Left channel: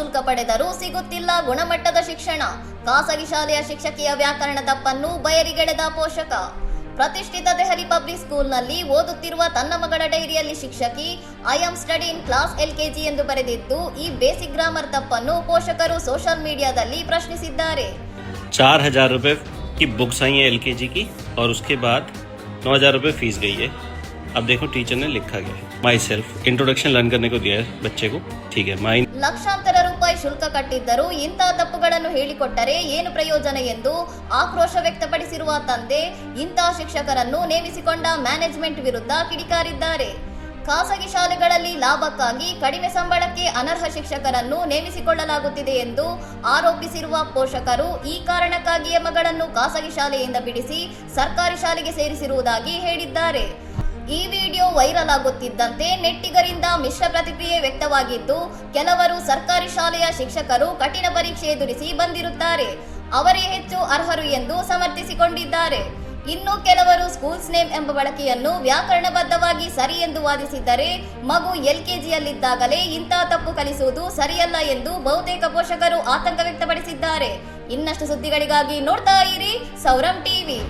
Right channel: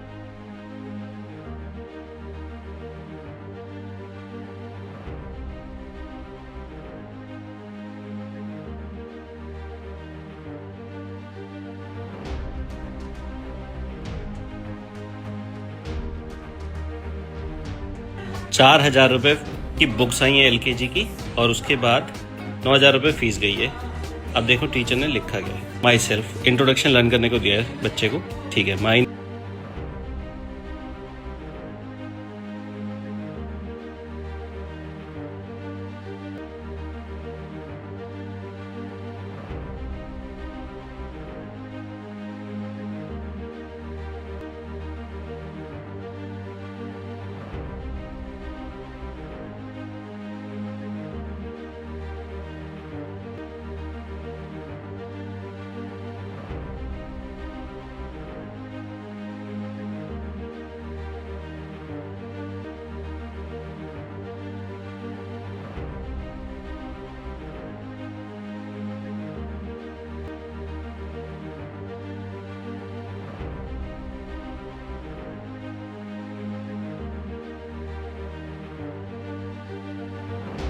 ಶುಲ್ಕ ಪಡೆದರೂ ಸಿಗುತ್ತಿಲ್ಲ ಗುಣಮಟ್ಟದ ಶಿಕ್ಷಣ. ಖಾಸಗಿ ಶಾಲೆಯ ಶಿಕ್ಷಕಿಯ ವ್ಯಾಕರಣ ತಪ್ಪನ್ನು ಬಯಲಿಗೆಳೆದ ಪೋಷಕ. ಪ್ರತಿಷ್ಠಿತ ದೆಹಲಿ ಪಬ್ಲಿಕ್ ಸ್ಕೂಲ್ನಲ್ಲಿ ಓದುತ್ತಿರುವ ತನ್ನ ಮಗಳ ಡೈರಿಯಲ್ಲಿ ಶಿಕ್ಷಕಿ I am study in class LKG ಎಂದು ಬರೆದಿದ್ದು, ಈ ಬೇಸಿಕ್ ಗ್ರಾಮರ್ ತಪ್ಪನ್ನು ಪೋಷಕರು ಸೋಷಿಯಲ್ ಮೀಡಿಯಾದಲ್ಲಿ ಪ್ರಶ್ನಿಸಿದ್ದಾರೆ. 4,000 रुपए की बुक्स आई है LKG की और उसके बाद 9,000 रुपए फीस गई है. अब देखो टीचर ने लिखा गया है माई सेल्फ इंट्रोडक्शन लर्न करने को दिया है बच्चे को. ठीक है माई ಲಕ್ಷಾಂತರ ರೂಪಾಯಿ ಶುಲ್ಕ ಕಟ್ಟಿದ್ದರೂ ಇಂತಹ ತಪ್ಪುಗಳನ್ನು ಹೇಳಿಕೊಟ್ಟರೆ ಏನು ಪ್ರಯೋಜನ ಎಂದು ಆಕ್ರೋಶ ವ್ಯಕ್ತಪಡಿಸಿರುವ ತಂದೆ ಇಂತಹ ಶಿಕ್ಷಕರನ್ನು ನೇಮಿಸಿಕೊಂಡ ಮ್ಯಾನೇಜ್ಮೆಂಟ್ ವಿರುದ್ಧ ಕಿಡಿಕಾರಿದ್ದಾರೆ. ಖಾಸಗಿ ಶಾಲೆಗಳಲ್ಲಿ ಲಾಭಕ್ಕಾಗಿ ಕಡಿಮೆ ಸಂಬಳಕ್ಕೆ ಅನರ್ಹ ಶಿಕ್ಷಕರನ್ನು ನೇಮಿಸಿಕೊಳ್ಳಲಾಗುತ್ತಿದೆ ಎಂದು ಆರೋಪಿಸಿರುವ ಪೋಷಕರು ಈ ಕಾರಣಕ್ಕಾಗಿಯೇ ಮಗಳನ್ನು ಖಾಸಗಿ ಶಾಲೆಯಿಂದ ಬಿಡಿಸಿ ಸರ್ಕಾರಿ ಶಾಲೆಗೆ ಸೇರಿಸಿರುವುದಾಗಿ ಹೇಳಿದ್ದಾರೆ. ಈ ವಿಡಿಯೋ ವೈರಲ್ ಆಗುತ್ತಿದ್ದಂತೆ ನೆಟ್ಟಿಗರಿಂದ ಮಿಶ್ರ ಪ್ರತಿಕ್ರಿಯೆ ವ್ಯಕ್ತವಾಗಿದ್ದು, ಕೆಲವರು ಸರ್ಕಾರಿ ಶಾಲೆಯ ಶಿಕ್ಷಕರು ಕಠಿಣ ಪರೀಕ್ಷೆ ಎದುರಿಸಿ ಬಂದಿರುತ್ತಾರೆ, ಅವರೇ ಹೆಚ್ಚು ಅರ್ಹರು ಎಂದು ಸಮರ್ಥಿಸಿಕೊಂಡಿದ್ದಾರೆ. ಇನ್ನು ಕೆಲವರು ಸ್ಕೂಲ್ಸ್ ನೇಮ್ ಎಂಬ ಬಳಕೆಯನ್ನು ವ್ಯಾಕರಣಬದ್ಧವಾಗಿ ಸರಿ ಎಂದು ವಾದಿಸಿದ್ದರೆ, ಮಗು LKGಯಲ್ಲಿದ್ದಾಗಲೇ ಇಂತಹ ತಪ್ಪು ಕಲಿಸುವುದು ಸರಿಯಲ್ಲ ಎಂದು ಬಹುತೇಕ ಪೋಷಕರು ಆತಂಕ ವ್ಯಕ್ತಪಡಿಸಿದ್ದಾರೆ. ಇನ್ನಷ್ಟು ಸುದ್ದಿಗಳಿಗಾಗಿ ನೋಡ್ತಾ ಇರಿ ಸೌರಂ ಟಿವಿ.